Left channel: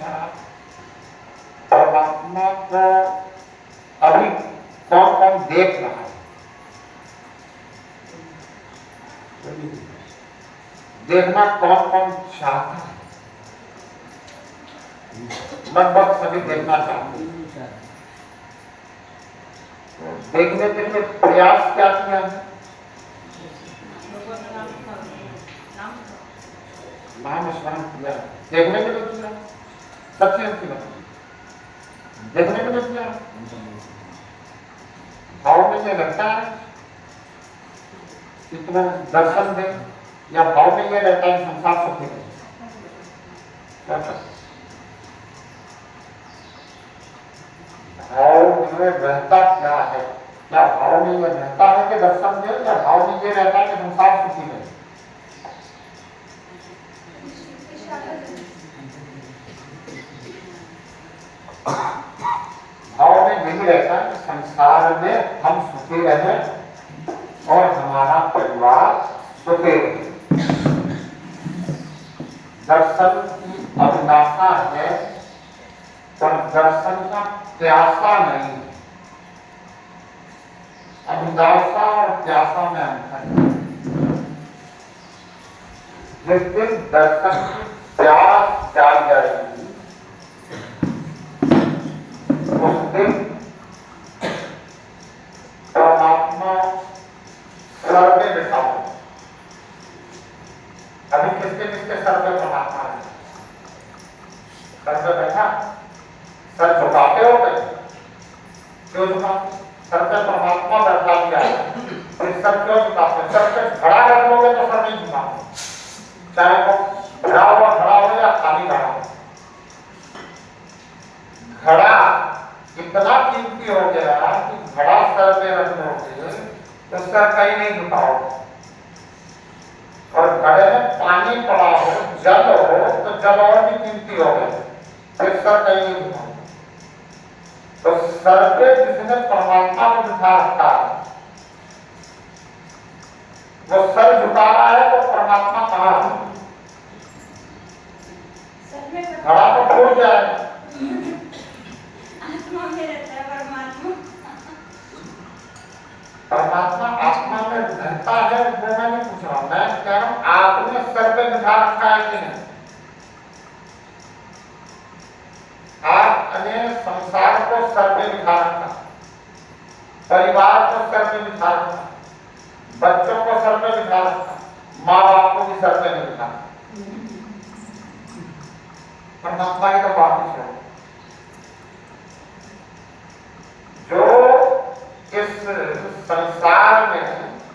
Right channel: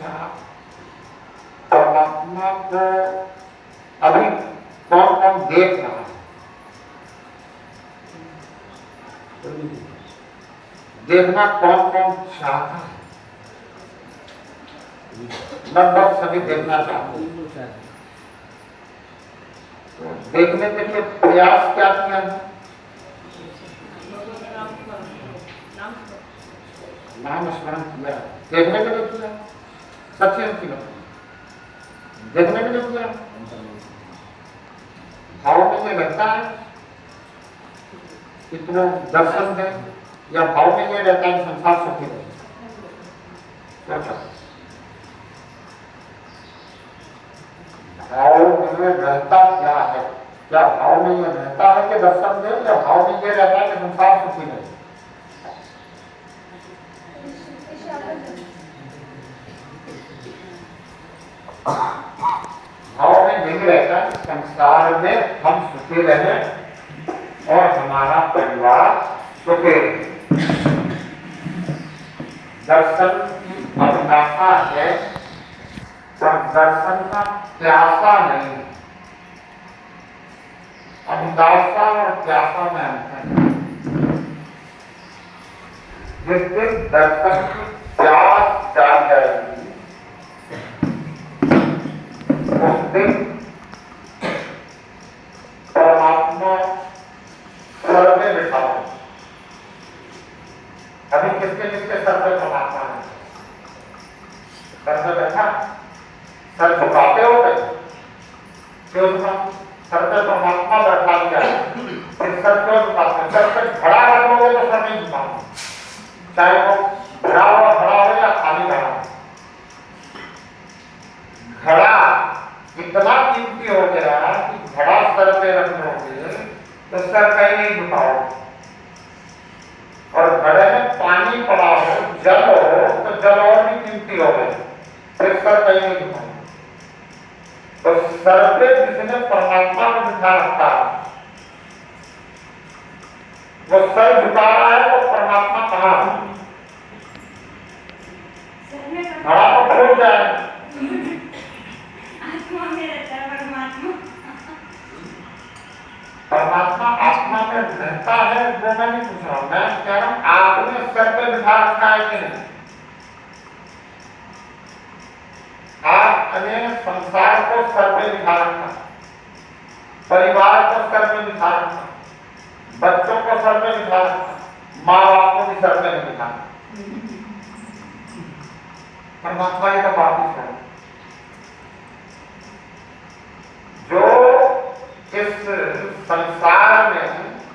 अच्छा, परमात्मा को अभी कौन कौन देख रहा है? देखना कौन कौन चाहता है? लगभग सभी देखना चाहते हैं। तो देखने के लिए प्रयास क्या किया है? नाम स्मरण किया। देखने के लिए किया, सच्चे किया, देखने के लिए किया। भाव में ये रहता है कि तुम दर्शन दे, या भाव में ये रहता है संसार सुखी रहे? क्या करते? भाव में रहता क्या है? क्या भाव में ये रहता है कि दर्शन दे, या भाव में ये रहता है कि संसार सुखी रहे? भाव में यही रहता है कि संसार में हम सुखी रहे और हमारा परिवार सुखी रहे। दर्शन की अभिलाषा है पर दर्शन का प्यासा नहीं। अभिलाषा और प्यासा में अंतर है। जिस दिन दर्शन की प्यास जाग जाएगी उस दिन परमात्मा स्वर में बैठा है। अभी किसके सर पे परमात्मा है? सर पे बैठा, सर झुकाते हो गए, क्यों झुका? सर पे परमात्मा बैठा दिया है, फिर सर क्यों झुकाते? सर पे खड़ा रख लोगे तो सर नहीं झुकाओगे, चाहे वो खड़ा हुआ खड़ा हो या खाली खड़ा हो। घड़ा इतना कीमती हो गया कि घड़ा सर पे रख लोगे तो सर कहीं नहीं झुकाओगे, और घड़े में पानी पड़ा हो, जल हो, तो जल और भी कीमती हो गया, फिर सर कहीं नहीं झुकाओगे। तो सर पे जिसने परमात्मा को बिठा रखा है, वो सर झुका रहा है तो परमात्मा कहाँ है? घड़ा तो खो जाए। आत्मा में रहता है परमात्मा। परमात्मा आत्मा में रहता है, वो मैं नहीं पूछ रहा, मैं कह रहा हूँ आपने सर पे बिठा रखा है कि नहीं? आपने संसार को सर पे बिठा रखा, परिवार को सर पे बिठा रखा, बच्चों को सर पे बिठा रखा, माँ बाप को भी सर पे नहीं बिठा रखा। परमात्मा ही तो वापिस है जो इस संसार में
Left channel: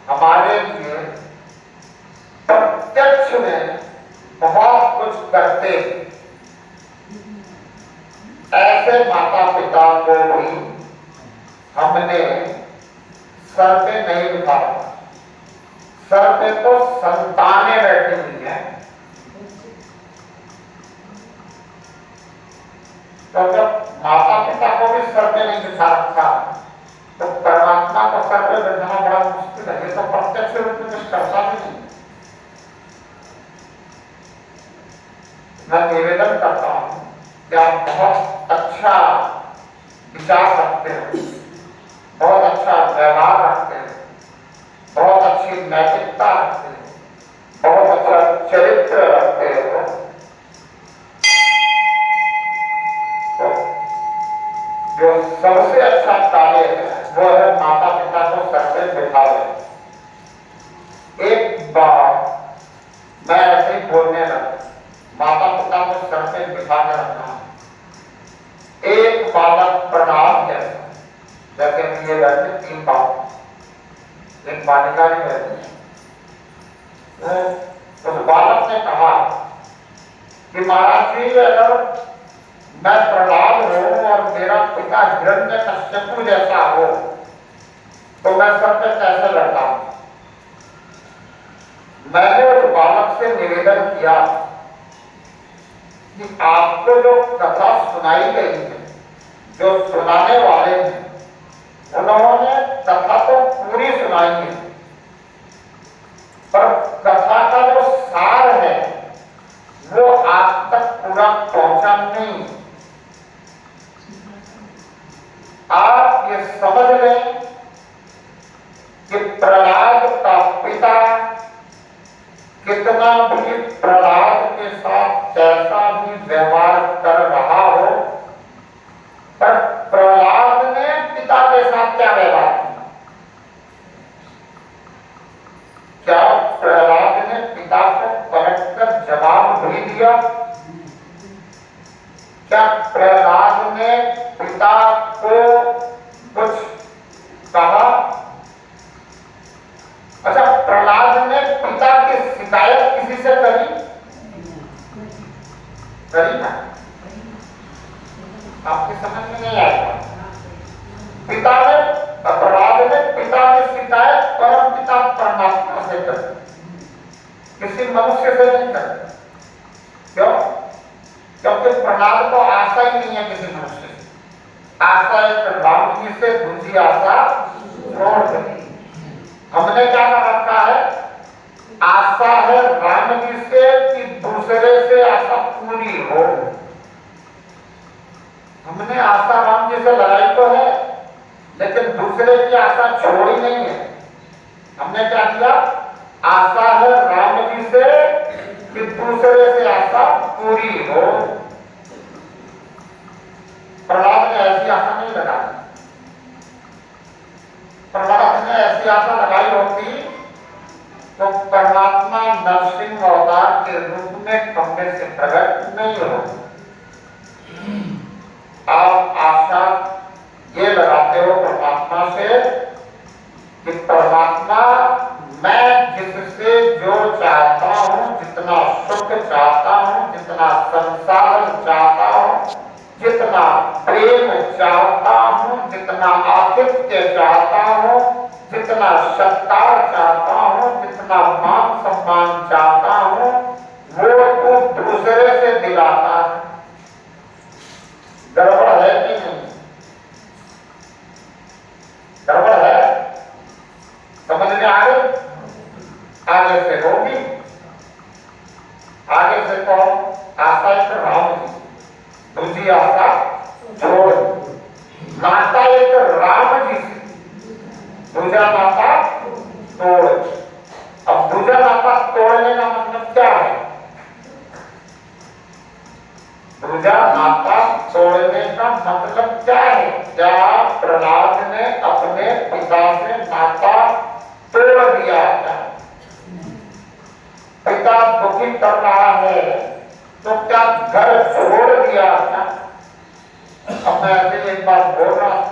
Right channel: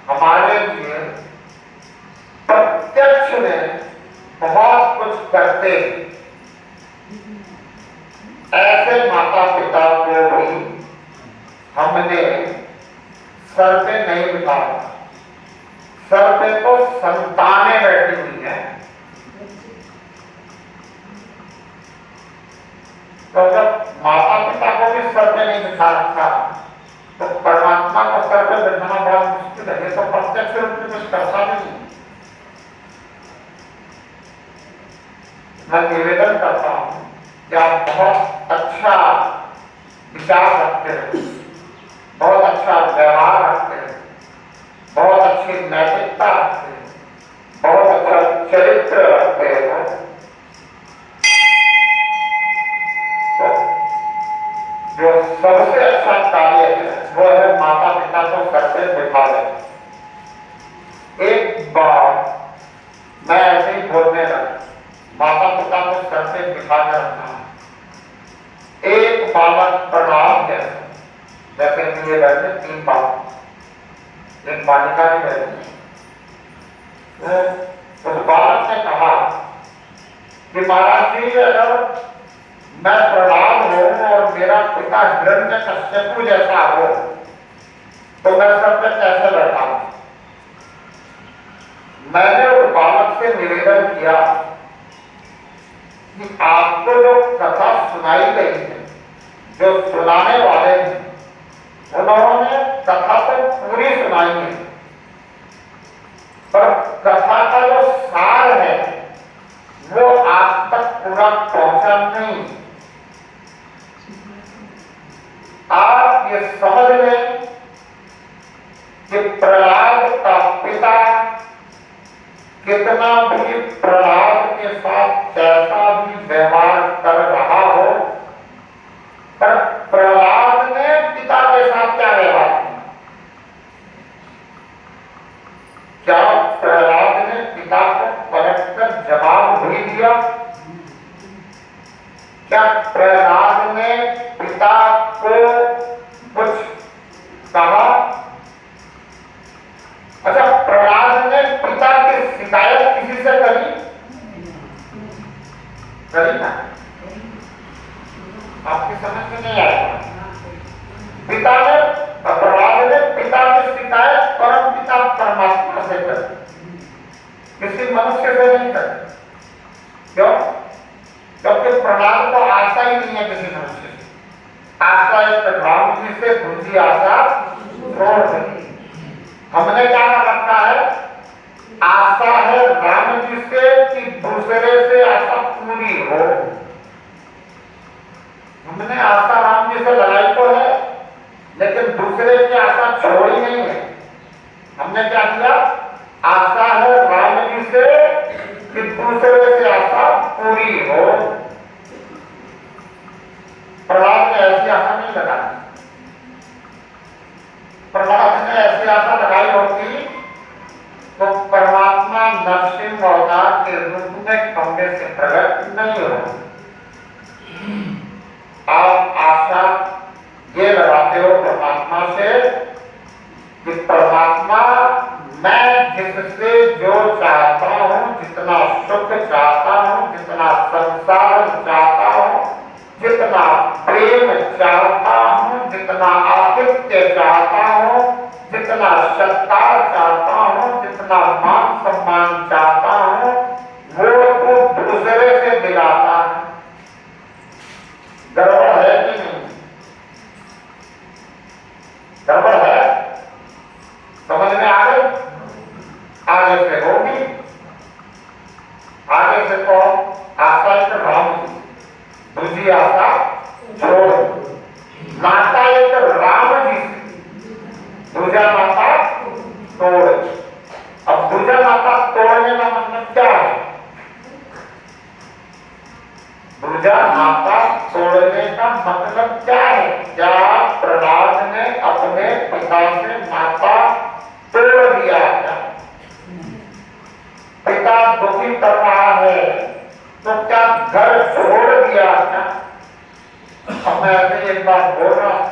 हमारे लिए प्रत्यक्ष में बहुत कुछ करते। ऐसे माता पिता को भी हमने सर पे नहीं बिठा, सर पे तो संतानें बैठी हुई हैं। तो जब माता पिता को भी सर पे नहीं बिठा रखा तो परमात्मा को सर पे बैठाना बड़ा मुश्किल है। ये तो प्रत्यक्ष रूप से कुछ करता भी नहीं। मैं निवेदन करता हूं कि आप बहुत अच्छा विचार रखते हो, बहुत अच्छा व्यवहार रखते हो, बहुत अच्छी नैतिकता रखते हो, बहुत अच्छा चरित्र रखते हो। जो सबसे अच्छा कार्य है वो है माता पिता को सर पे बिठावे। एक बार मैं ऐसे ही बोलने लगा, माता पिता को सर पे बिठा कर रखना है। एक बालक प्रणाम जैसा, जैसे ये रहते 3 बालक, एक बालिका भी रहती है। उस बालक ने कहा कि महाराज जी अगर मैं प्रहलाद हूं और मेरा पिता हिरण्यकश्यप जैसा हो तो मैं सर पे कैसे बैठा? मैंने उस बालक से निवेदन किया कि आपको जो कथा सुनाई गई है, जो सुनाने वाले हैं उन्होंने कथा तो पूरी सुनाई है, पर कथा का जो सार है वो आप तक पूरा तक पहुंचा नहीं। आप ये समझ लें कि प्रहलाद का पिता कितना भी प्रहलाद के साथ कैसा भी व्यवहार कर रहा हो, पर प्रहलाद ने पिता के साथ क्या व्यवहार किया? क्या प्रहलाद ने पिता को पलटकर जवाब भी दिया? क्या प्रहलाद ने पिता को कुछ कहा? अच्छा, प्रहलाद ने पिता की शिकायत किसी से करी ना? आपकी समझ में नहीं आएगा। प्रहलाद ने पिता की शिकायत परम पिता परमात्मा से करी, किसी मनुष्य से नहीं करी। क्यों? क्योंकि प्रहलाद को आशा ही नहीं है किसी मनुष्य से। आशा एक राम जी से, दूसरी आशा छोड़ दी। हमने क्या कर रखा है? आशा है राम जी से कि दूसरे से आशा पूरी हो। हमने आशा राम जी से लगाई तो है, लेकिन दूसरे की आशा छोड़ी नहीं है। हमने क्या किया? आशा है राम जी से कि दूसरे से आशा पूरी हो। प्रहलाद ने ऐसी आशा नहीं लगाई। प्रहलाद ने ऐसी आशा लगाई होती तो परमात्मा नरसिंह अवतार के रूप में खंबे से प्रकट नहीं हो। आप आशा ये लगाते हो परमात्मा से कि परमात्मा मैं जिससे जो चाहता हूं, जितना सुख चाहता हूं, जितना संसार चाहता हूं, जितना प्रेम चाहता हूं, जितना आतिथ्य चाहता हूं, जितना सत्कार चाहता हूं, जितना मान सम्मान चाहता हूं, वो दूसरे से दिलाता है। गड़बड़ है कि नहीं? गड़बड़ है? समझ में आ गई? आगे से होगी। आगे से कौन? आशा एक राम जी, दूसरी आशा छोड़। नाता एक राम जी से, दूसरा नाता तोड़। अब दूसरा नाता तोड़ने का मतलब क्या है? दूसरा नाता तोड़ने का मतलब क्या है? क्या प्रहलाद ने अपने पिता से नाता तोड़ दिया क्या? पिता दुखी कर रहा है तो क्या घर छोड़ दिया क्या? अब मैं अभी एक बात बोल रहा हूं।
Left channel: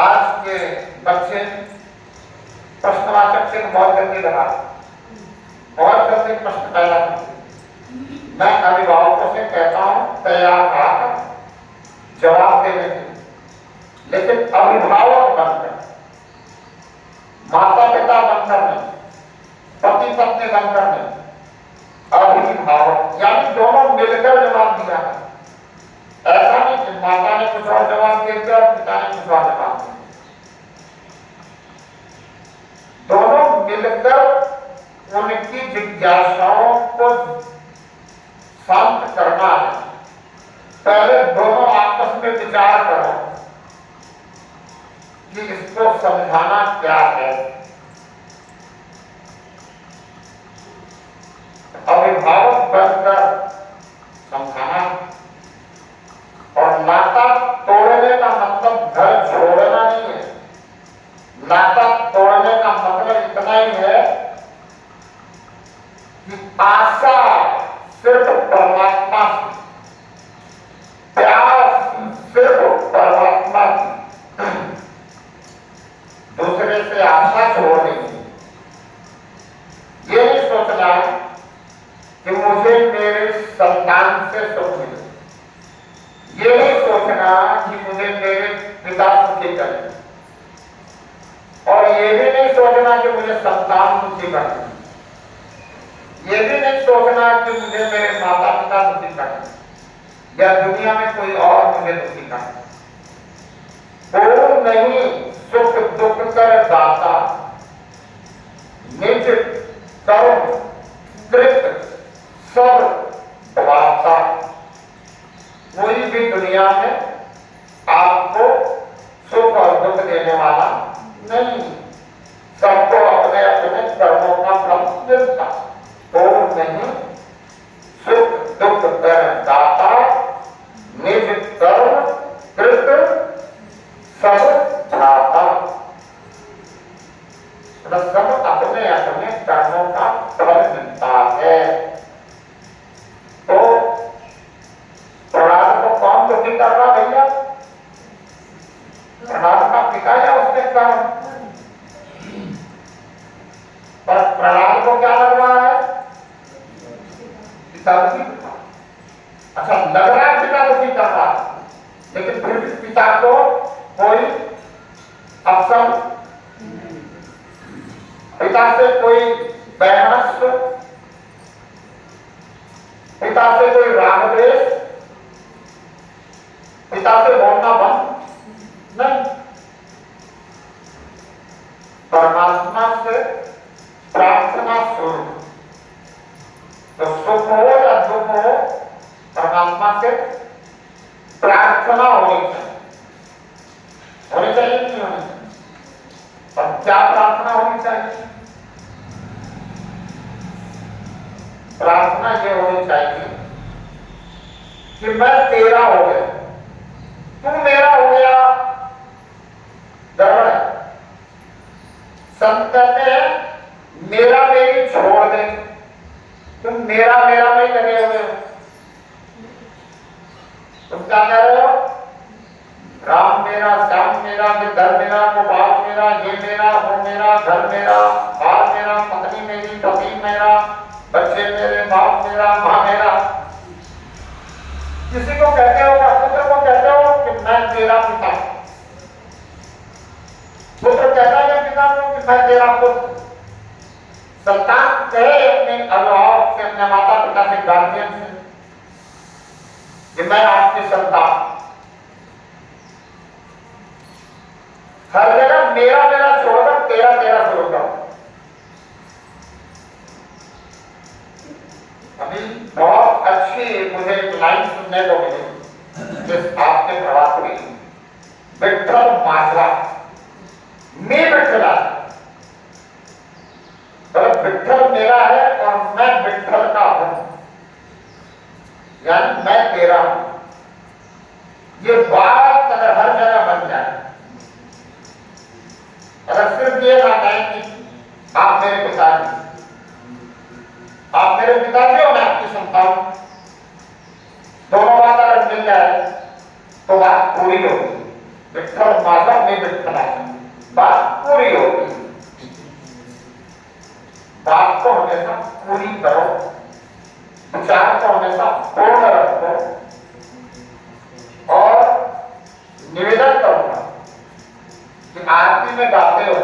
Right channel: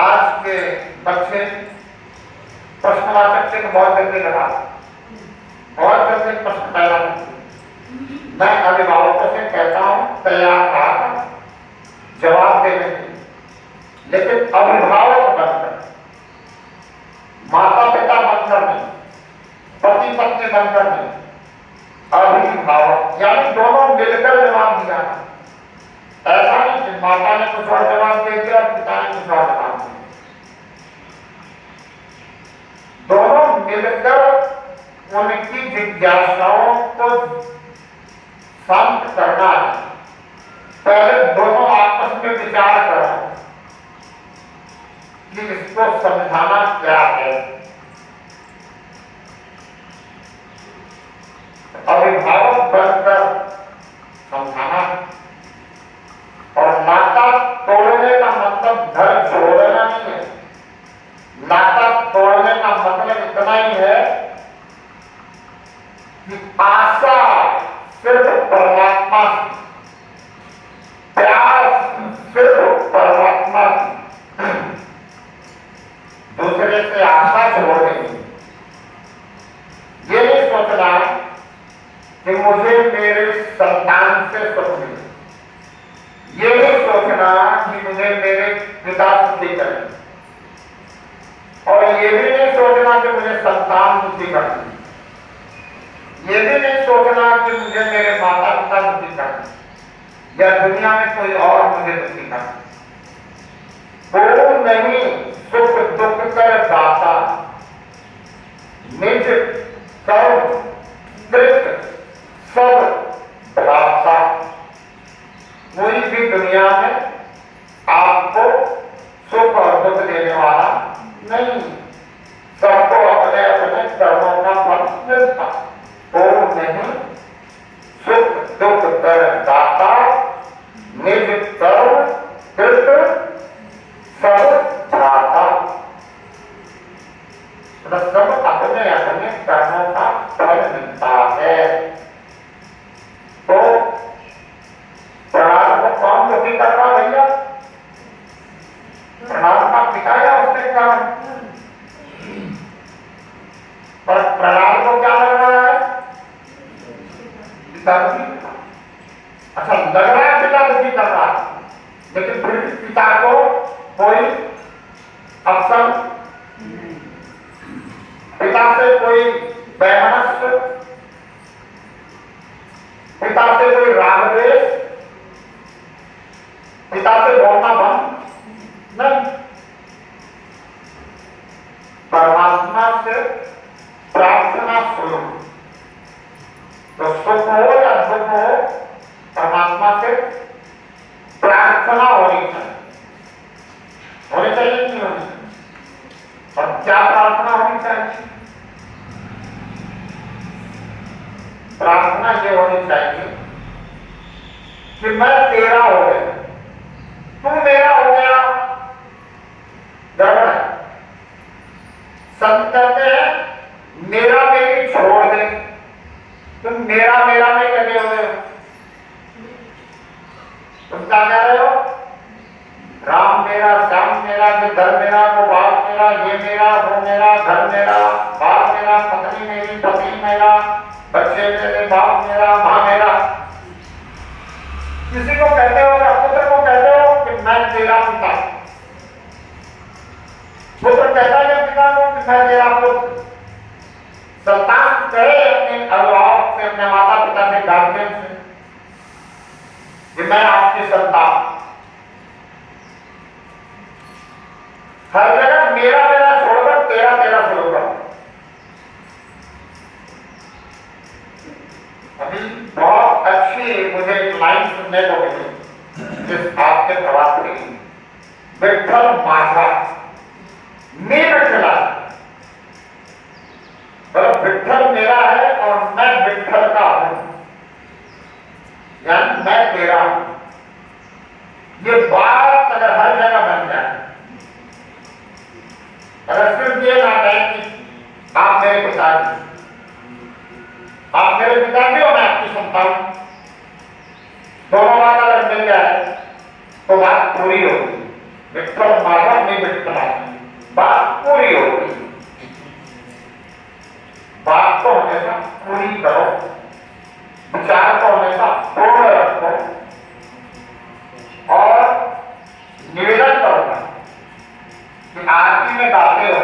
आज के बच्चे प्रश्नवाचक से बहुत जल्दी लगा, बहुत जल्दी प्रश्न पैदा करते। मैं अभिभावकों से कहता हूं तैयार रहा जवाब देने के लिए, लेकिन अभिभावक बनकर, माता पिता बनकर नहीं, पति पत्नी बनकर नहीं, अभिभावक यानी दोनों मिलकर जवाब दिया। ऐसा नहीं कि माता ने कुछ और जवाब दे दिया और पिता ने कुछ और जवाब दे दिया। दोनों मिलकर उनकी जिज्ञासाओं को शांत करना है। पहले दोनों आपस में विचार करो कि इसको समझाना क्या है। अभिभावक बनकर समझाना, और नाता तोड़ने का मतलब घर छोड़ना नहीं है। नाता तोड़ने का मतलब इतना ही है कि आशा सिर्फ परमात्मा से, प्यास सिर्फ परमात्मा की, दूसरे से आशा छोड़ देंगे। ये नहीं सोचना कि मुझे मेरे संतान से सुख मिले, ये नहीं सोचना कि मुझे मेरे पिता सुखी करें, और ये भी नहीं सोचना कि मुझे संतान सुखी करनी, ये भी नहीं सोचना कि मुझे मेरे माता पिता दुखी करना या दुनिया में कोई और मुझे दुखी करना। वो नहीं, सुख दुख कर दाता, निज कर्म कृत पिता दुखी था। अच्छा, लग रहा है पिता दुखी कर रहा है, लेकिन फिर भी पिता को कोई अवसर, पिता से कोई वैमनस्य, पिता से कोई राग द्वेष, पिता से बोलना बंद नहीं। परमात्मा से प्रार्थना शुरू। तो सुख हो या दुख हो, परमात्मा से प्रार्थना होनी चाहिए। होनी चाहिए कि नहीं होनी चाहिए? और क्या प्रार्थना होनी चाहिए? प्रार्थना ये होनी चाहिए कि मैं तेरा हो गया, तू मेरा हो गया। गड़बड़ है। संत कहते हैं मेरा मेरी छोड़ दे, तुम मेरा मेरा में लगे हुए हो। तुम क्या कह रहे हो? राम मेरा, श्याम मेरा, घर मेरा, गोपाल मेरा, ये मेरा, वो मेरा, घर मेरा, बाप मेरा, पत्नी मेरी, पति मेरा, बच्चे मेरे, बाप मेरा, माँ मेरा। किसी को कहते हो या पुत्र को कहते हो कि मैं तेरा पिता। पुत्र कहता है पिता को कि मैं तेरा पुत्र। संतान कहे अपने अभिभावक से, अपने माता पिता से, गार्जियन से कि मैं आपकी संतान। हर जगह मेरा मेरा छोड़कर तेरा तेरा शुरू करो। अभी बहुत अच्छी मुझे लाइन सुनने को मिली जिस आपके प्रवास में, विठ्ठल माझा मेरा खिला, मतलब विठ्ठल मेरा है और मैं विठ्ठल का हूं, यानी मैं तेरा हूं। ये बात अगर हर जगह बन जाए, अगर सिर्फ ये ना कहें कि आप मेरे पिताजी, आप मेरे पिताजी और मैं आपकी संतान, दोनों बात अगर मिल जाए तो बात पूरी होगी। विठ्ठल माझा में विठ्ठल, बात पूरी होगी। बात को हमेशा पूरी करो, विचार को हमेशा पूर्ण रखो और निवेदन करूंगा कि आरती में गाते हो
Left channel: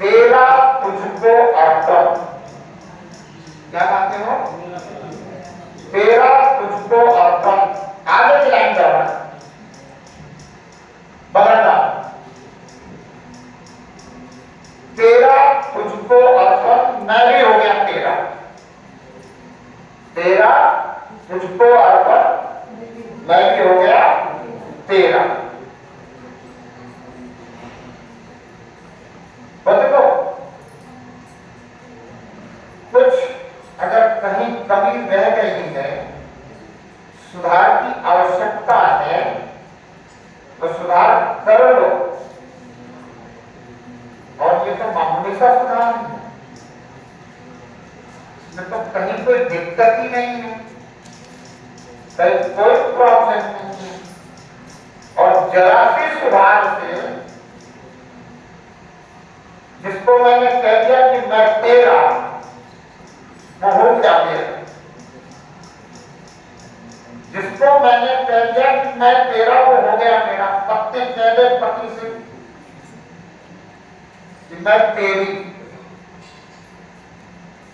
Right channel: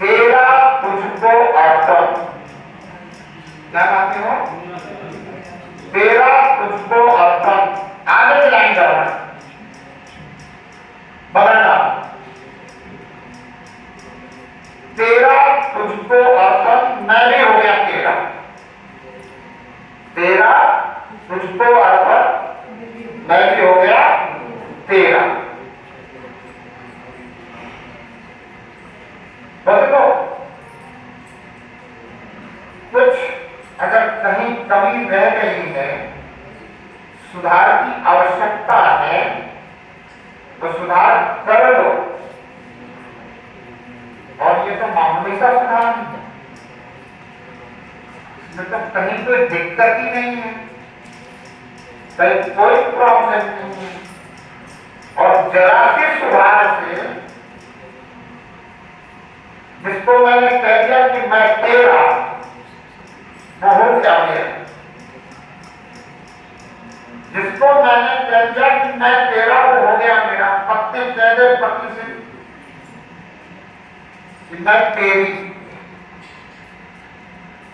तेरा तुझको अर्पण। क्या गाते हो? तेरा तुझको अर्पण। आगे की लाइन करना, बदलना, तेरा तुझको अर्पण, मैं भी हो गया तेरा। तेरा तुझको अर्पण, मैं भी हो गया तेरा। देखो, कुछ अगर कहीं कमी रह गई है, सुधार की आवश्यकता है, तो सुधार कर लो। और ये तो मामूली सा सुधार नहीं है, इसमें तो कहीं कोई दिक्कत ही नहीं है, कहीं कोई प्रॉब्लम नहीं है। और जरा से सुधार से, जिसको मैंने कह दिया कि मैं तेरा, वो हो गया मेरा। जिसको मैंने कह दिया कि मैं तेरा, वो हो गया मेरा। पत्नी कह दे पति से कि मैं तेरी,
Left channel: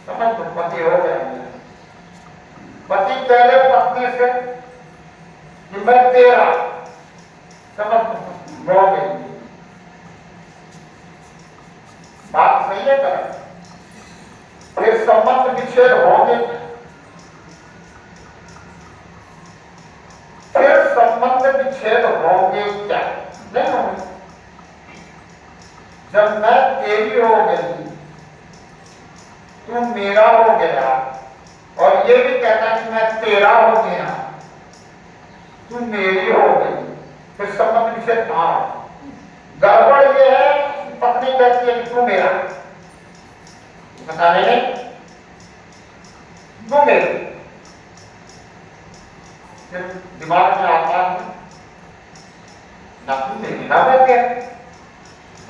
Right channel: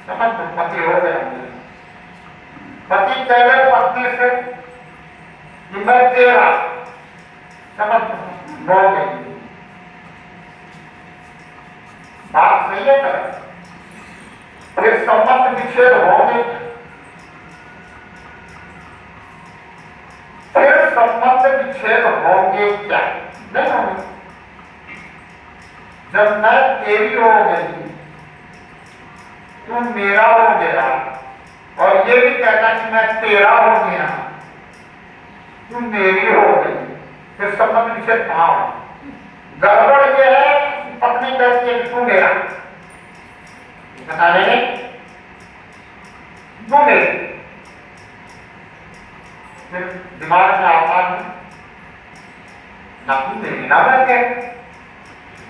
समझ लो पति हो गया मेरा। पति कह दे पत्नी से कि मैं तेरा, समझ लो हो गई। बात सही है क्या? फिर संबंध विच्छेद होंगे, फिर संबंध विच्छेद होंगे क्या? नहीं होंगे। जब मैं तेरी हो गई, तू मेरा हो गया, और ये भी कहता कि मैं तेरा हो गया, तू मेरी हो गई, फिर संबंध विच्छेद कहां हो? गड़बड़ ये है, पत्नी कहती है कि तू मेरा, बता रहे तू मेरी, फिर दिमाग में आता है ना तू मेरी ना मैं क्या,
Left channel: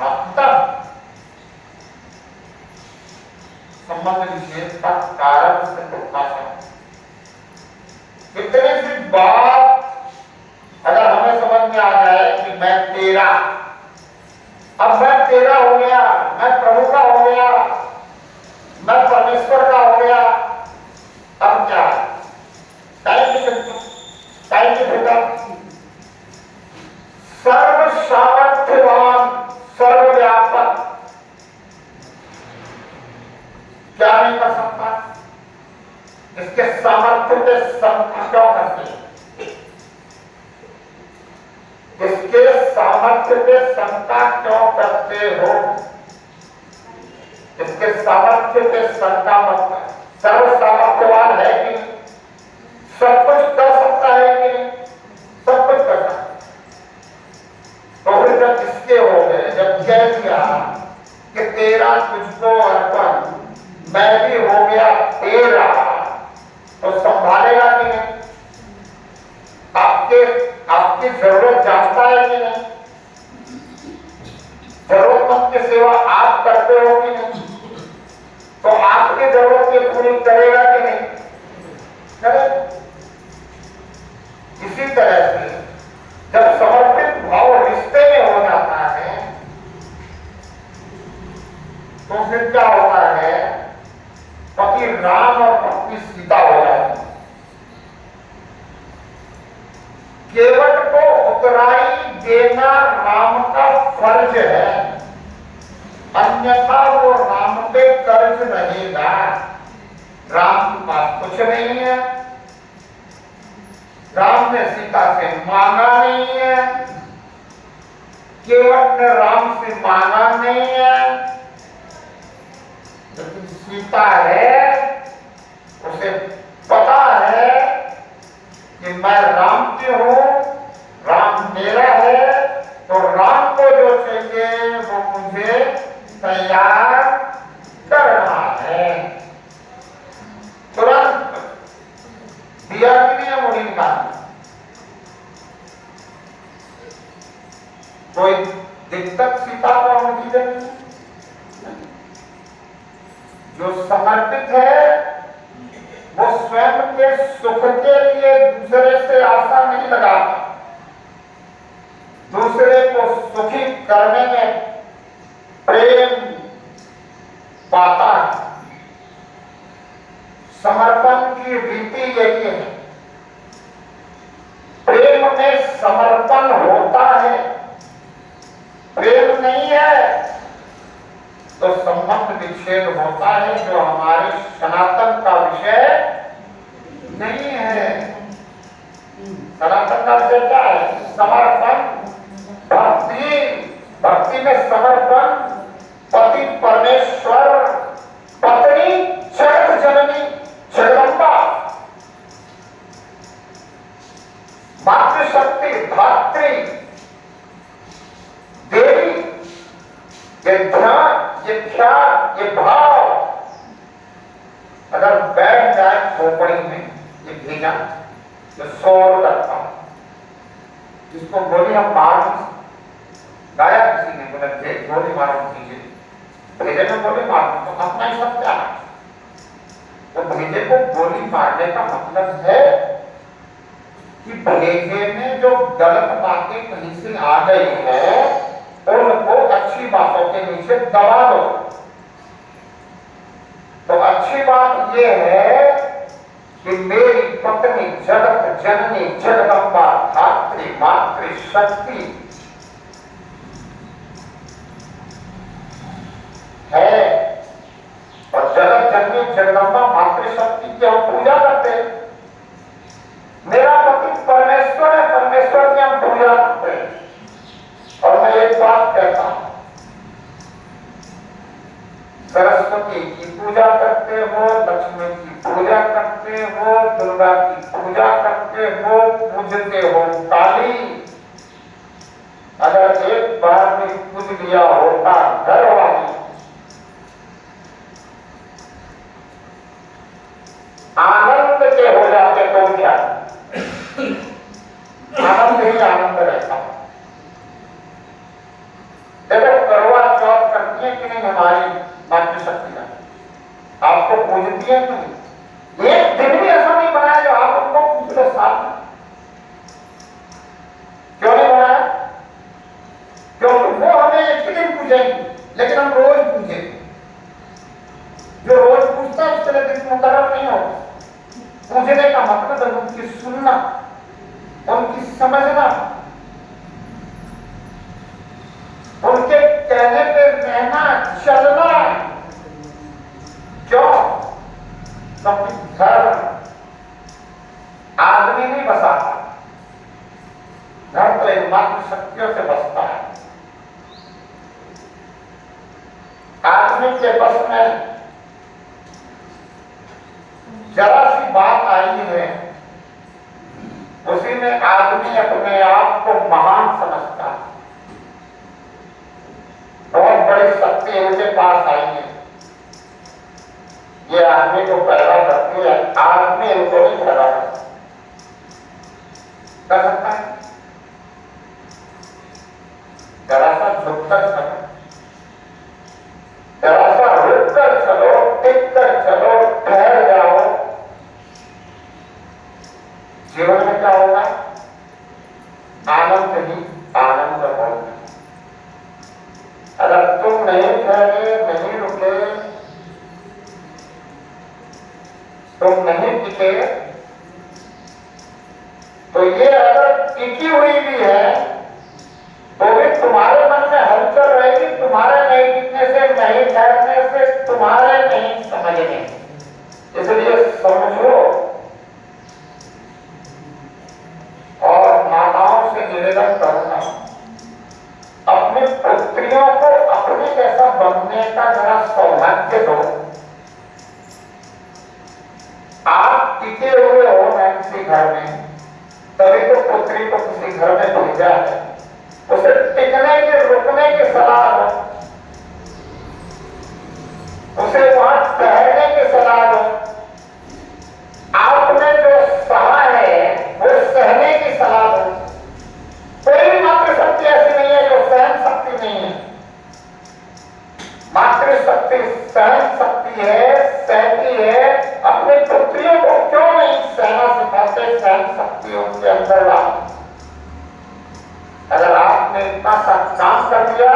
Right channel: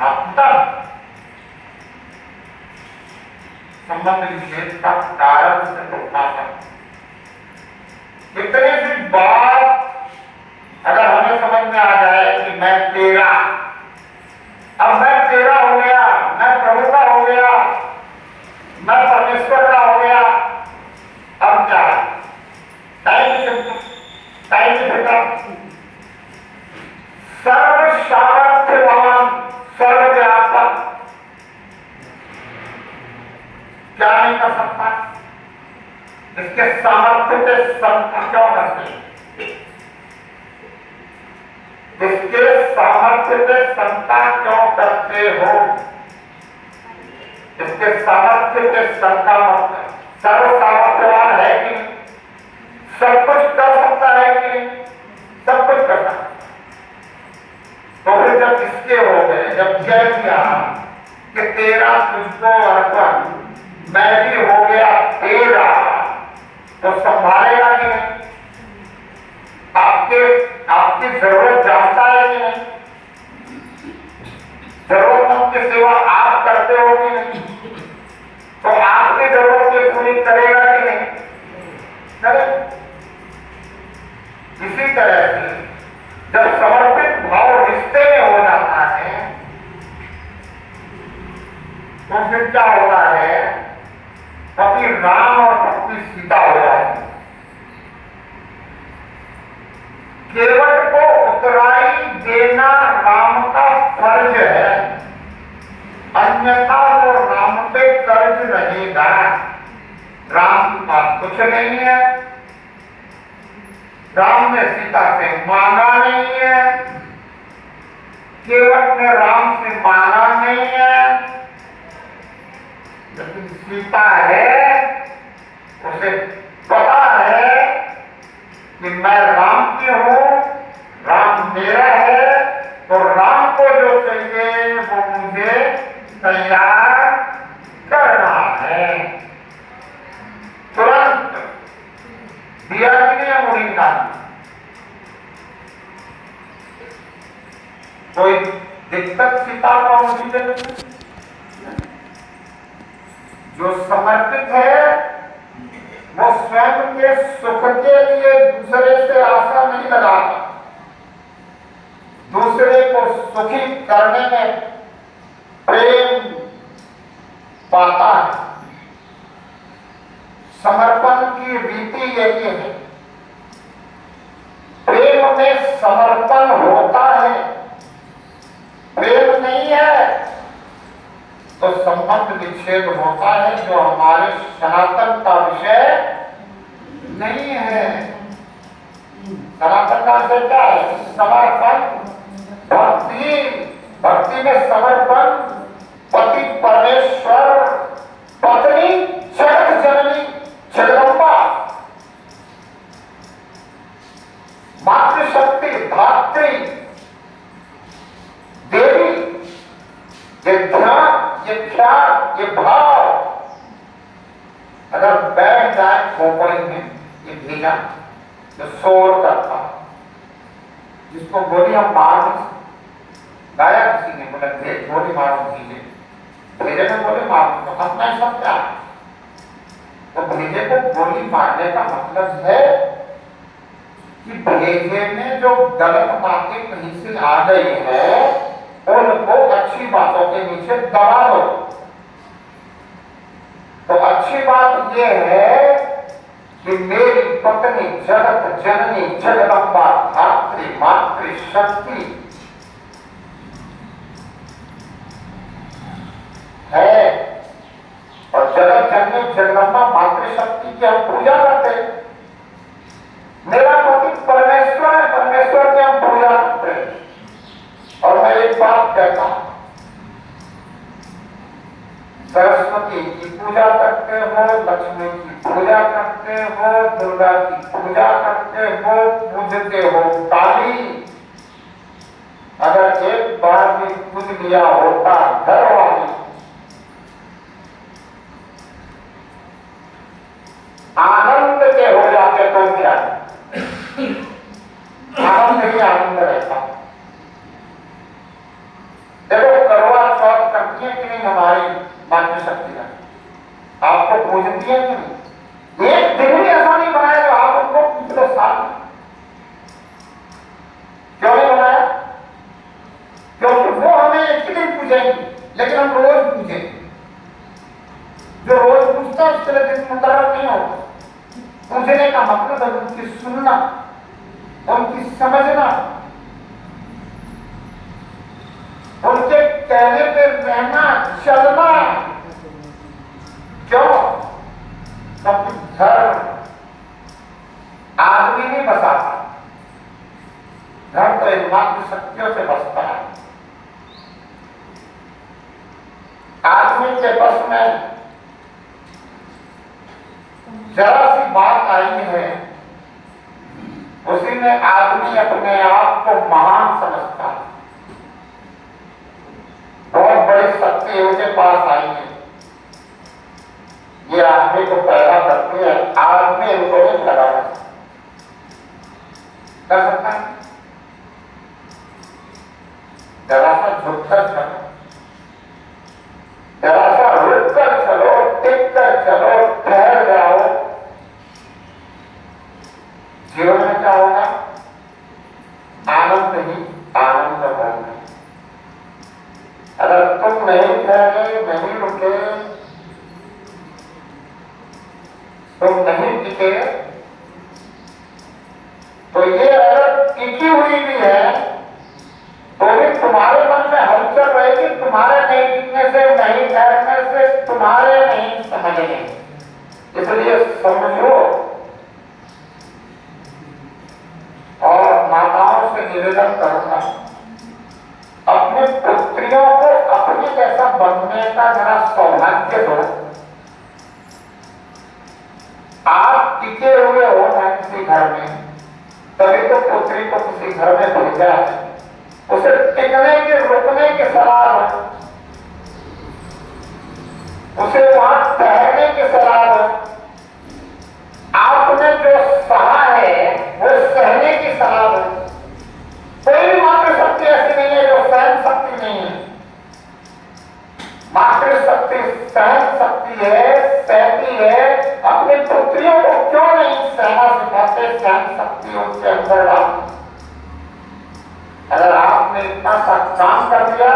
आप पिता। संबंध विशेष का कारण से टूटना था। इतनी सी बात अगर हमें समझ में आ जाए कि मैं तेरा, अब मैं तेरा हो गया, मैं प्रभु का हो गया, मैं परमेश्वर का हो गया, अब क्या है? सर्व सामर्थ्यवान, सर्वव्यापक क्या नहीं कर सकता? इसके सामर्थ्य के संकट क्यों करते हैं? इसके सामर्थ्य के शंका क्यों करते हो? इसके सामर्थ्य के शंका मत कर। सर्व सामर्थ्यवान है कि नहीं? सब कुछ कर सकता है कि नहीं? सब कुछ कर सकता। तो फिर जब इसके हो गए, जब कह दिया कि तेरा तुझको अर्पण, मैं भी हो गया तेरा, तो संभालेगा कि नहीं? आपकी जरूरत जानता है कि नहीं? जरूरतमंद की सेवा आप करते हो कि नहीं? तो आपकी जरूरत की पूरी करेगा कि नहीं? करे। इसी तरह से जब समर्पित भाव रिश्ते में हो जाता है तो फिर क्या होता है? पति राम और पत्नी सीता हो जाती है। केवट को उतराई देना राम का फर्ज है, अन्यथा वो राम पे कर्ज रहेगा। राम के पास कुछ नहीं है, राम ने सीता से मांगा नहीं है, केवट ने राम से मांगा नहीं है, लेकिन सीता है, उसे पता है कि मैं राम की हूं, राम मेरा है, तो राम को जो चाहिए वो मुझे तैयार करना है। तुरंत दिया कि नहीं मुड़ीना? कोई दिक्कत सीता को होगी नहीं। जो समर्पित है वो स्वयं के सुख के लिए दूसरे से आशा नहीं लगाता, दूसरे को सुखी करने में प्रेम पाता है। समर्पण की रीति यही है। प्रेम में समर्पण होता है, प्रेम नहीं है तो संबंध विच्छेद होता है, जो हमारे सनातन का विषय नहीं है। सनातन का विषय क्या है? समर्पण, भक्ति। भक्ति में समर्पण, पति परमेश्वर, पत्नी जगत जननी जगदम्बा, मातृशक्ति, धात्री, देवी। ये ध्यान, ये ख्याल, ये भाव अगर बैठ जाए खोपड़ी में, ये भेजा तो शोर करता, जिसको गोली हम मार गाया किसी ने, बोला गोली मारो भेजे, भेजे में गोली मारो तो हंसना ही सब क्या है? तो भेजे को गोली मारने का मतलब है कि भेजे में जो गलत बातें कहीं से आ गई है उनको अच्छी बातों के नीचे दबा दो। तो अच्छी बात यह है कि मेरी पत्नी जगत जननी जगदम्बा धात्री मातृशक्ति है, और जगत जननी जगदम्बा मातृशक्ति की हम पूजा करते हैं। मेरा पति परमेश्वर है, परमेश्वर की हम पूजा करते हैं। और मैं एक बात कहता हूं, सरस्वती की पूजा करते हो, लक्ष्मी की पूजा करते हो, दुर्गा की पूजा करते हो, पूजते हो काली। अगर एक बार भी पूज लिया होता घर वाली, आनंद के हो जाते तो क्या? आनंद ही आनंद रहता। देखो करवा चौथ करती है कि नहीं हमारी मातृशक्ति का? दिए कि नहीं? एक दिन भी ऐसा नहीं बनाया जो आप उनको पिछले साल में, क्यों नहीं बनाया? क्योंकि वो हमें एक ही दिन पूजेंगे, लेकिन हम रोज पूजेंगे। जो रोज पूछता है उसके लिए दिन मुकर्रर नहीं होता। पूजने का मतलब है उनकी सुनना, उनकी समझना, उनके कहने पे रहना, चलना। क्यों? क्योंकि धर्म आदमी नहीं बसाता, धर्म तो इन मात्र शक्तियों से बसता है। आदमी के बस में जरा सी बात आई है, उसी में आदमी अपने आप को महान समझता है। बहुत बड़ी शक्ति उनके पास आई है, ये आदमी को पैदा करती है, आदमी उनको नहीं पैदा कर सकता है। जरा सा झुककर चलो, जरा सा रुक कर चलो, टिक कर चलो, ठहर जाओ। जीवन में क्या होगा? आनंद ही आनंद होगा। अगर तुम नहीं ठहरे, नहीं रुके, तुम नहीं टिके, तो ये अगर टिकी हुई भी है तो भी तुम्हारे मन में हलचल रहेगी, तुम्हारे नहीं टिकने से, नहीं ठहरने से, तुम्हारे नहीं समझने। इसलिए समझो और माताओं से निवेदन करूंगा, अपने पुत्रियों को अपने जैसा बनने का जरा सौभाग्य दो। आप टिके हुए हो ना किसी घर में, तभी तो पुत्री को किसी घर में भेजा है। उसे टिकने के, रुकने की सलाह दो, उसे वहां ठहरने की सलाह दो। आपने जो सहा है वो सहने की सलाह दो। कोई मातृशक्ति ऐसी नहीं है जो सहन शक्ति नहीं है। मातृशक्ति सहन शक्ति है, सहती है। अपनी पुत्रियों को क्यों नहीं सहना सिखाते? सहन शक्ति उनके अंदर डालो। अगर आपने इतना सा काम कर दिया,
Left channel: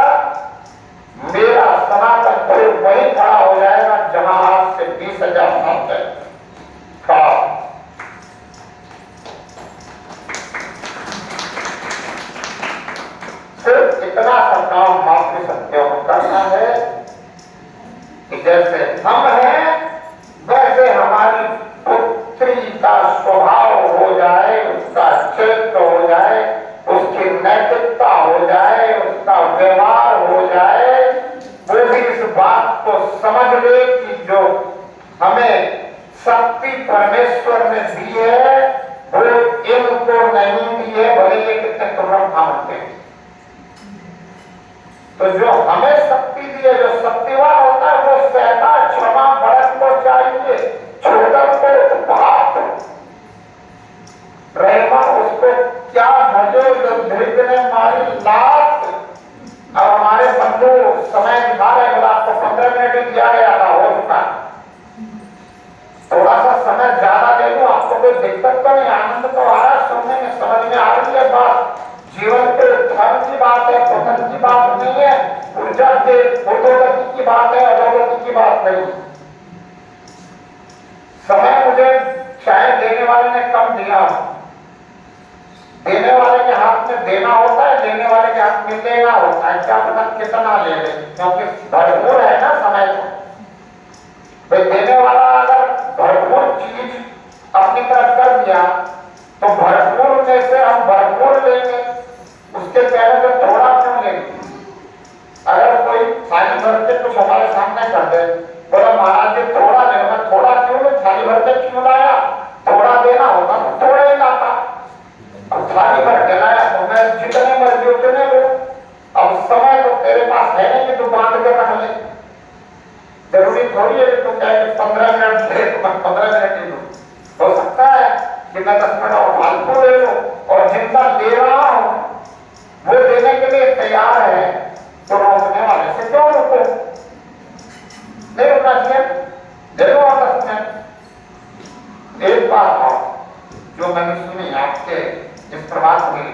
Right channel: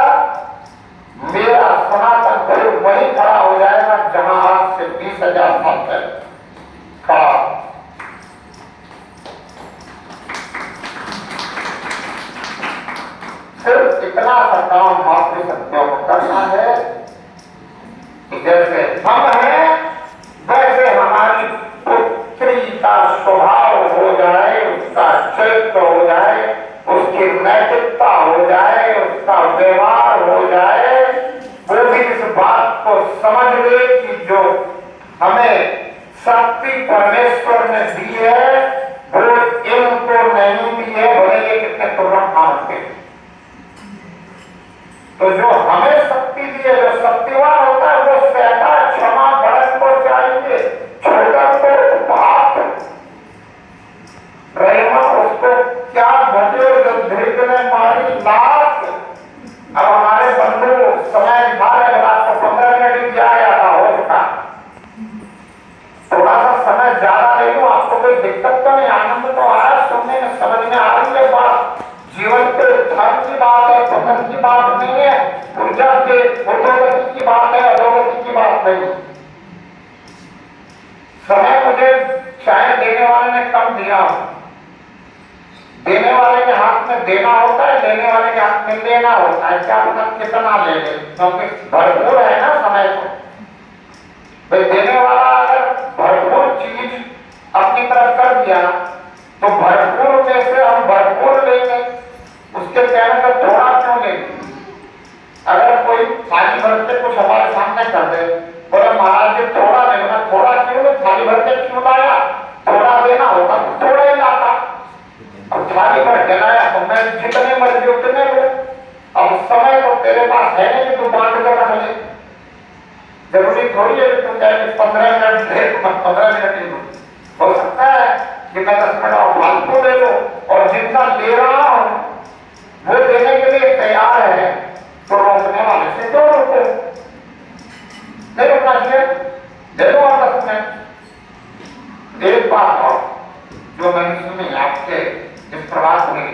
मेरा सनातन गुरु वही खड़ा हो जाएगा जहां आज से 20,000 साल पहले खड़ा। सिर्फ इतना सा काम मातृशक्तियों को करना है कि जैसे हम हैं वैसे हमारी पुत्री का स्वभाव हो जाए, उसका चरित्र हो जाए, उसकी नैतिकता हो जाए, उसका व्यवहार हो जाए। वो भी इस बात को समझ ले कि जो हमें शक्ति परमेश्वर ने दी है वो इनको नहीं दी है, भले ये कितने तुरम काम के। तो जो हमें शक्ति दी है, जो शक्तिवान होता है, वो सहता, क्षमा, भरत को चाहिए, छोटा को उपहार रहना, उसको क्या भजे जो धीरे ने मारी लात। अब हमारे बंधु समय दिखा रहे हैं, रात को 15 मिनट ही दिया गया था, हो चुका। थोड़ा सा समय ज्यादा दे दो, आपको कोई दिक्कत तो नहीं, आनंद तो आ रहा, सुनने में समझ में आ रही है बात। जीवन के धर्म की बात है, पतन की बात नहीं है, ऊर्जा के उर्धोगति की बात है, अधोगति की बात नहीं। समय मुझे शायद देने वाले ने कम दिया, देने वाले के हाथ में देना होता है, लेने वाले के हाथ में लेना होता है। क्या पता कितना ले ले, क्योंकि भरपूर है ना समय को। भाई देने वाला अगर भरपूर चीज अपनी तरफ कर दिया तो भरपूर में से हम भरपूर लेंगे, उसके कहने से थोड़ा क्यों लेंगे? अगर कोई थाली भर के कुछ हमारे सामने कर दे, बोला महाराज जी थोड़ा देना, थोड़ा क्यों नहीं, थाली भर के क्यों लाया? थोड़ा देना होता तो थोड़ा ही लाता। अब थाली भर के लाया तो मैं जितने मर्जी उतने लो। अब समय तो तेरे पास है नहीं कि तू बांध कर रख ले। जरूरी थोड़ी है तुम कहे 15 मिनट दे, 15 मिनट ही लो। हो सकता है कि मैं 10 मिनट और फालतू ले लो, और जितना ले रहा हूं वो देने के लिए तैयार है, तो रोकने वाले से क्यों रुको? नहीं रुकना चाहिए, दे दो और 10 मिनट। एक बात और जो मैंने सुनी आपके इस प्रवास में,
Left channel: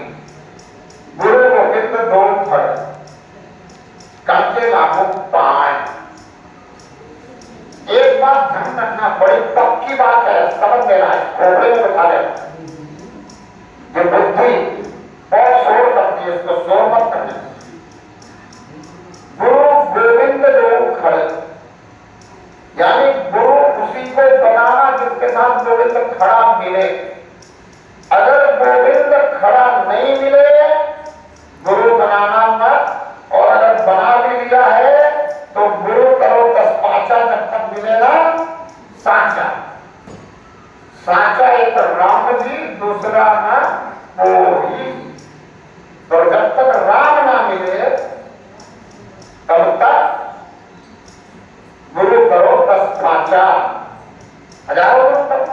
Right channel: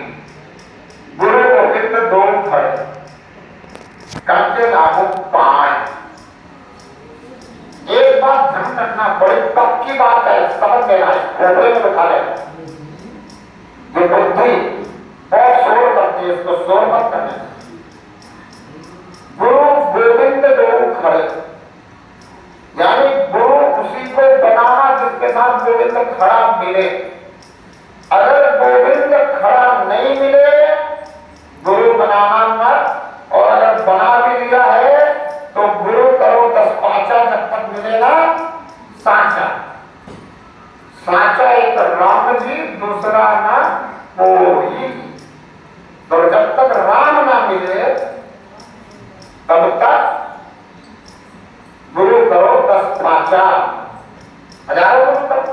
गुरु गोविंद दो खड़े कांटे लागू पाए। एक बात ध्यान रखना, बड़ी पक्की बात है, समझ लेना है, खोपड़े में उठा लेना। जो बुद्धि बहुत शोर करती है, इसको शोर मत करने। गुरु गोविंद दो खड़े, यानी गुरु उसी को बनाना जिसके साथ गोविंद खड़ा मिले। अगर गोविंद खड़ा नहीं मिले, गुरु बनाना मत। और अगर बना भी लिया है तो गुरु करो 10 पांचा, जब तक मिलेगा साचा। साचा एक राम जी, दूसरा ना कोई। तो जब तक राम ना मिले तब तक गुरु करो 10 पांचा, हजारों तक।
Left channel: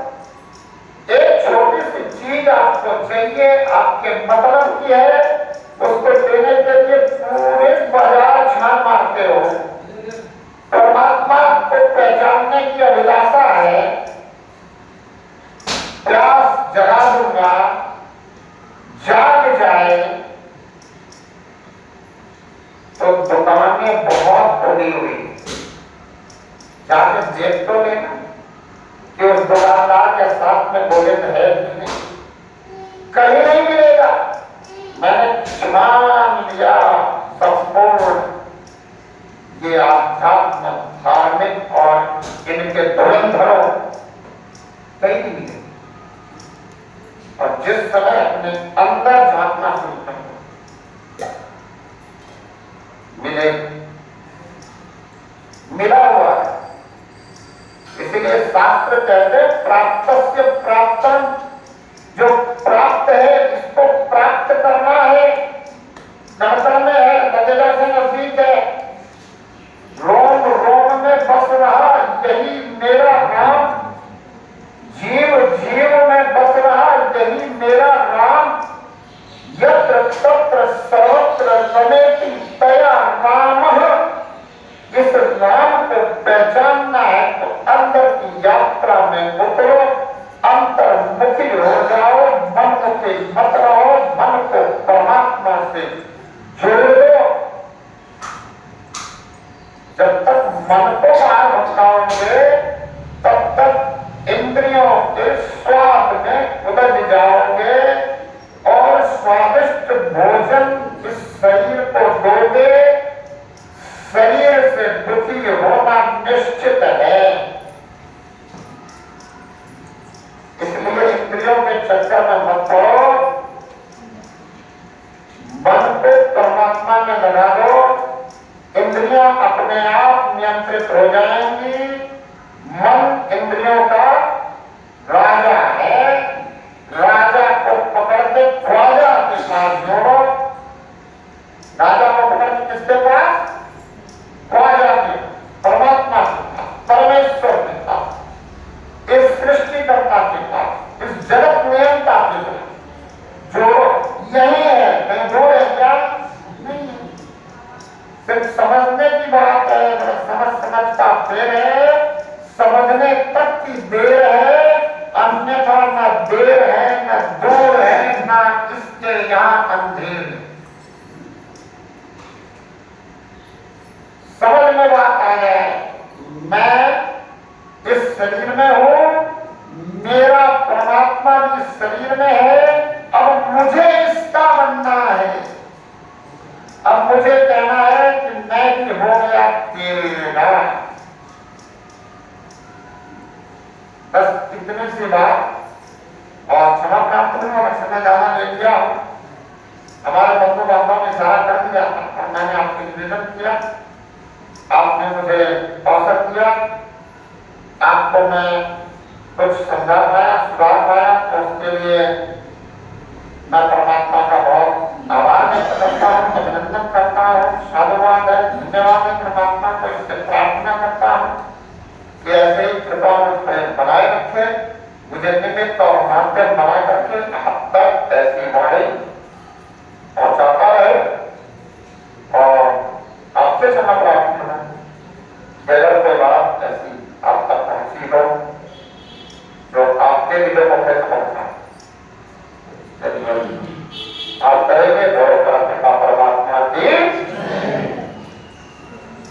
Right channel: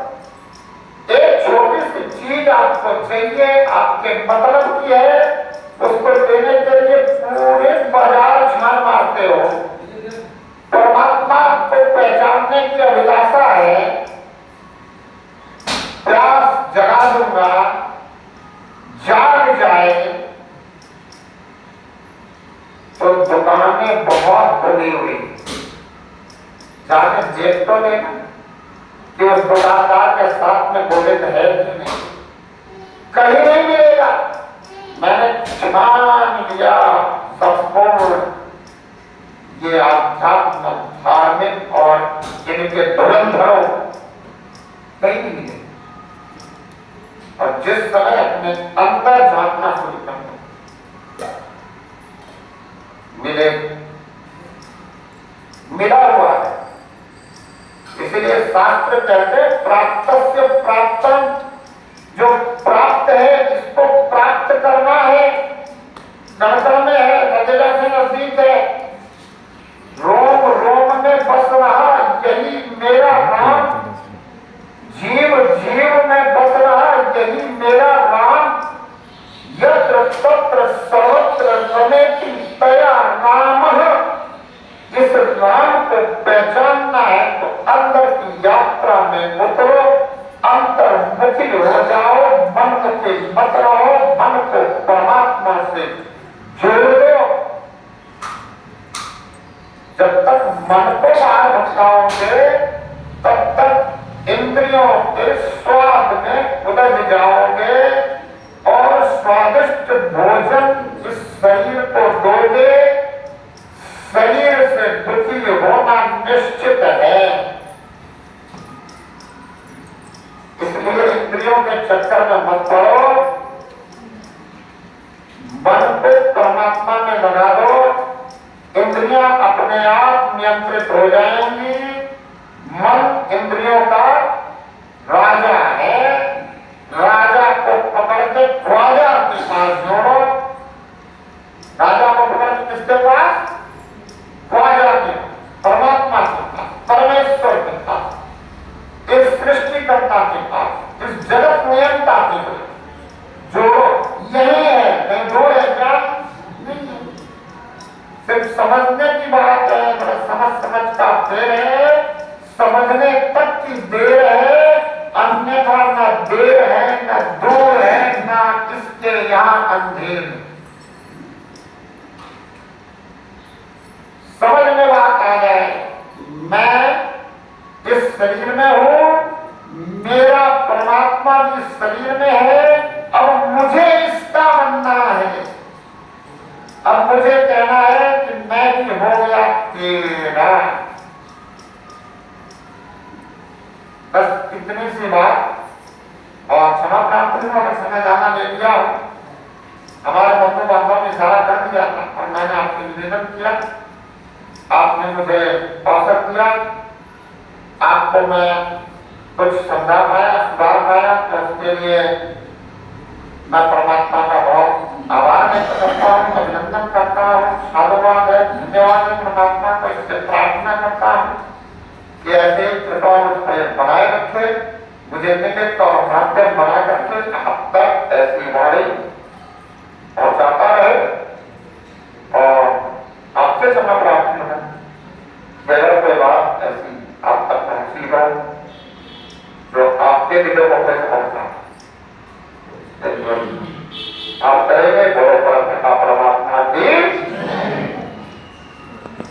एक छोटी सी चीज आपको चाहिए, आपके मतलब की है, उसको देने के लिए पूरे बाजार छान मारते हो। परमात्मा को पहचानने की अभिलाषा है, प्यास जगा दूंगा, जाग जाए तो दुकानें बहुत खुली हुई, जाके देख तो लेना कि उस दुकानदार के साथ में गोविंद है कि नहीं। कहीं नहीं मिलेगा। मैंने छान लिया संपूर्ण ये आध्यात्म, धार्मिक और इनके धुरंधरों, कहीं नहीं मिले। और जिस समय अपने अंदर झांकना शुरू कर मिले, मिला हुआ है। इसलिए शास्त्र कहते प्राप्तस्य प्राप्तम, जो प्राप्त है इसको प्राप्त करना है। कण में है, लगेगा से नजदीक है, रोम रोम में बस रहा यही मेरा राम, जीव जीव में बस रहा यही मेरा राम। यत्र तत्र सर्वत्र रमेति तया रामः। इस राम को पहचानना है तो अंदर की यात्रा में उतरो, अंतर्मुखी हो जाओ, मन से मत रहो, मन को परमात्मा से जोड़ दो। जब तक मन को बाहर भटकाओगे तब तक इंद्रियों के स्वाद में उलझ जाओगे और स्वादिष्ट भोजन इस शरीर को दोगे, शरीर से दुखी होना निश्चित है। इसलिए इंद्रियों के चक्कर में मत पड़ो, मन को परमात्मा में लगा दो, इंद्रियां अपने आप नियंत्रित हो जाएंगी। मन इंद्रियों का राजा है, राजा को पकड़ के ख्वाजा के पास जोड़ो। राजा को पकड़ के किसके पास? ख्वाजा के, परमात्मा के पास, परमेश्वर के पास, इस सृष्टिकर्ता के पास, इस जगत नियंता के पास जोड़ो। यही है, नहीं दो है क्या? नहीं, सिर्फ समझने की बात है। समझता फिर है, समझने तक की देर है, अन्यथा न देर है न दूर है, न इसके यहां अंधेर। समझ में बात आ जाए, मैं इस शरीर में हूं, मेरा परमात्मा भी इस शरीर में है, अब मुझे इसका बनना है। अब मुझे कहना है कि मैं भी हो गया तेरा। बस इतनी सी बात। और क्षमा प्राप्त नहीं, अगर समय ज्यादा ले लिया हो, हमारे बंधु बांधव ने इशारा कर दिया और मैंने आपसे निवेदन किया, आपने मुझे अवसर दिया, आपको मैं कुछ समझा पाया, सुधार पाया, तो उसके लिए मैं परमात्मा का बहुत आभार व्यक्त करता हूँ, अभिनंदन करता हूँ, साधुवाद है, धन्यवाद है परमात्मा को। इससे प्रार्थना करता हूँ कि ऐसे ही कृपा मुझ पर बनाए रखे, मुझे निमित्त और माध्यम बना करके